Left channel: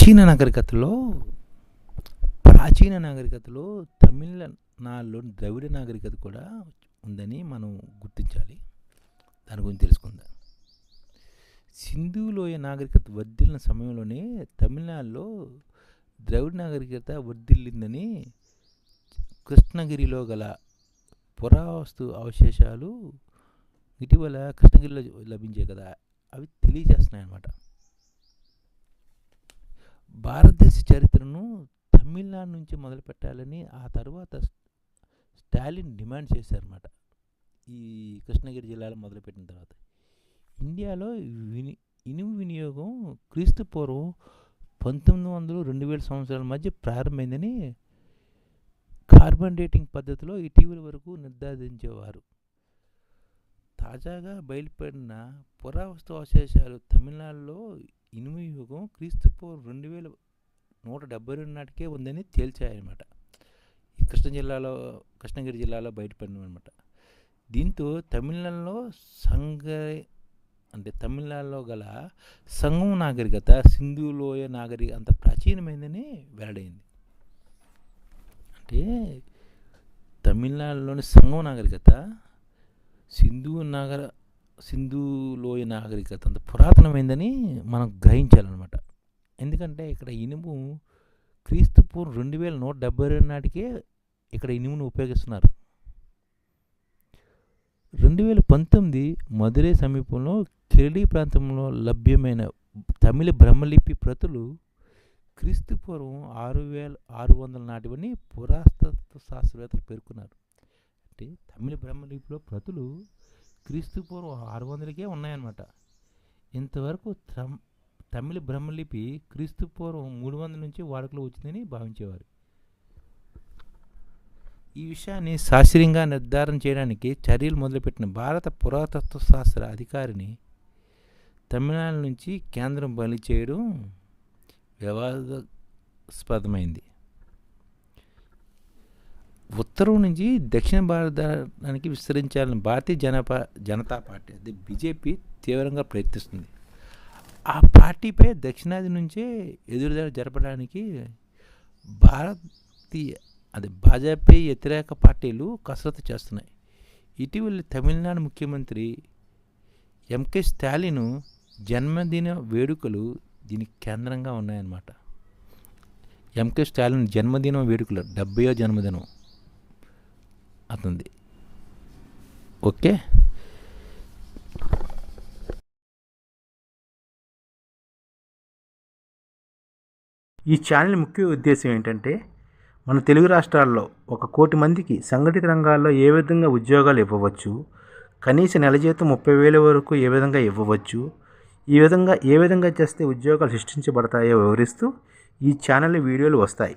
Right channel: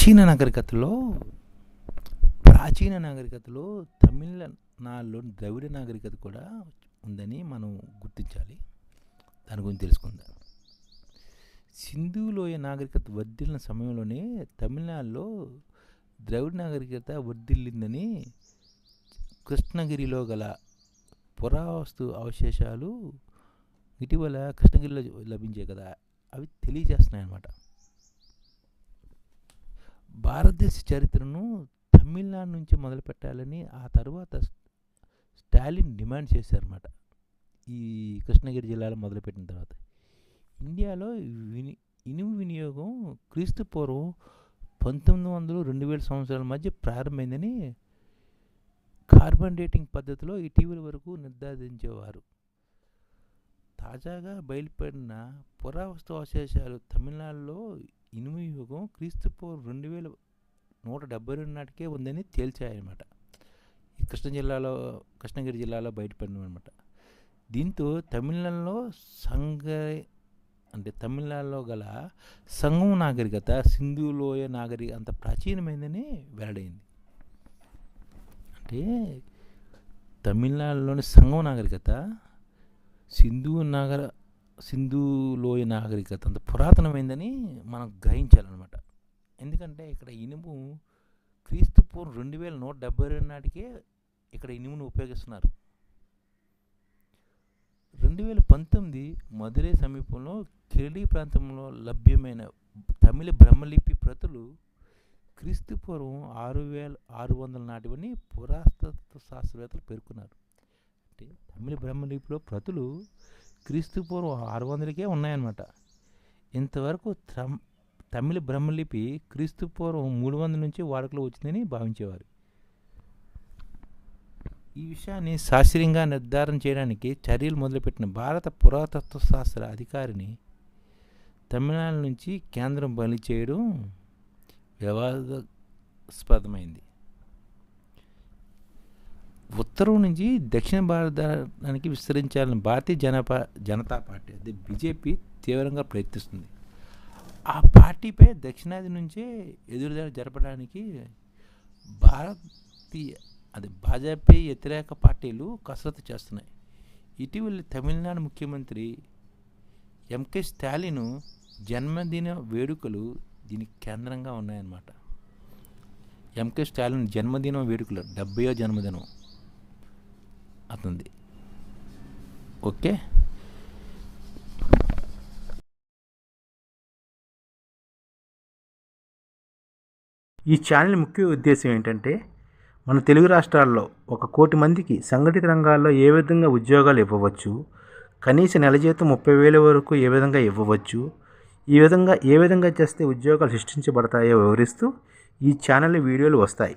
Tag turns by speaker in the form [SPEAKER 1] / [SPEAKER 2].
[SPEAKER 1] ప్రాచీన నాగరికతలో ప్రాచీన నాగరికతలో తమిళనాడులో ద్రవిడ నాగరికత కూడా ఉందని మనం గుర్తించాలి. దాని గురించి తెలుసుకుందాం. సింధులోయ నాగరికత వర్ధిల్లిన సమయంలోనే తమిళనాడులో ద్రవిడ నాగరికత వర్ధిల్లిందని కృష్ణగిరిలో గల పురావస్తు అవశేషాలు ఇటీవల కృష్ణగిరిలో లభించాయి కదా అవి తెలియజేస్తున్నాయి అన్నమాట భారతదేశ చరిత్రను తమిళనాడు నుంచి మొదలు పెట్టాలని ఆ తర్వాత స్టాలిన్ డిమాండ్ చేశారన్నమాట. ఈ కృష్ణగిరి జిల్లాలో మొదలుపెట్టిన తర్వాత. ఇండియాలో విని ఇనుము వినియోగం క్రీస్తు పూర్వం పంతొమ్మిది వందలు రెండు వేల సంవత్సరాల మధ్య ప్రారంభమైందని కార్బన్ డేటింగ్ పద్ధతిలో ఇటీవల వరకు నిర్ధారించేవారు. తాజాగా బయలుపడిన పురావస్తు అవశేషాలు తమిళనాడులో ఇనుము యుగం క్రీస్తు పూర్వం రెండు వేల నూట డెబ్బై రెండు నాటికే ఉందని తేల్చాయన్నమాట. ఈ కృష్ణ జిల్లాలో కృష్ణగిరి జిల్లాలో బయటపడినమాట దీంతో తమిళనాడులో సంఘ అంటే తమిళనాడులో గల సంఘం నాగరికత సింధులోయ నాగరిక అంత ప్రాచీనమైందని వెల్లడైంది. అంటే తమిళనాడులోని సంఘం నాగరికత సింధు నాగర సింధు లోయ నాగరికత అంత పురాతనమైందని మనం గ్రహించాలన్నమాట. ఎందుకంటే ఇక్కడ ఇనుము క్రీస్తు పూర్వం రెండు వేల నూట డెబ్బై రెండు నాటికే ఇక్కడ ఇనుమును ఉపయోగిస్తున్నారు. రెండు వేల పంతొమ్మిది మధురై సమీపంలో కిరళీ ప్రాంతంలో లభ్యమైన తమిళ బ్రహ్మలిపి ప్రతులు క్రీస్తు పూర్వం ఆరు వేల ఆరు వందల నాటివని పురాతత్వ శాస్త్రవేత్తలు పేర్కొన్నారు. అంటే తమిళ బ్రహ్మలిపిలో ప్రతులు క్రీస్తు పూర్వం ఆరు వందలకే ఉన్నాయన్నమాట. ఇంతవరకు తమిళ బ్రహ్మలిపి క్రీస్తు పూర్వం మూడు వందల నుంచి వాడుకలో వచ్చిందని భావించేవారు. ఈ విషయాన్ని శాస్త్రీయంగా నిర్ధారణ చేయడానికి చర్యలు మొదలుపెట్టిన భారత పురాతత్వ శాస్త్ర అధికారిని తమిళనాడు నుంచి కేంద్రం బలి చేయడం వివాదాస్పదమైంది. ఉత్తరం నుంచి దక్షిణ భారతానికి విస్తరించాలని భారతీయ జనపా జనతా పార్టీ అది బీజేపీ తీవ్రంగా ప్రయత్నిస్తుంది. ఆ పార్టీపై దక్షిణాది నుంచే ఎదురుదాడి జరపడానికి భారతీయ అది భాజపా వ్యతిరేక పార్టీలు కసరత్తు చేస్తున్నాయి. ఇటీవల తమిళనాడు ముఖ్యమంత్రి ఎంకే స్టాలిన్ జన్మదిన వేడుకలు దీనికి కేంద్రంగా ఉన్నాయన్నమాట. ఎంకే స్టాలిన్ జన్మదినం వేడుకలు డెబ్బయో జన్మదినం. అవుతుంది ఓకే?
[SPEAKER 2] ఈ ఛానల్ ముఖ్య ఉద్దేశం ఏంటంటే మన తెలుగు రాష్ట్రాల్లో ఒక కోటి మందికి సంఘటిత రంగాల్లో ఏ విధంగా ఉద్యోగాలు ఇవ్వవచ్చు కనీస నెల జీతం ముప్పై వేల వరకు ఏ విధంగా ఇవ్వవచ్చు ఈ విధంగా ఏ విధంగా చేస్తే ఉద్యోగాలు సృష్టించబడతాయో వివరిస్తూ ఈ ఛానల్ వీడియోలు వస్తాయి.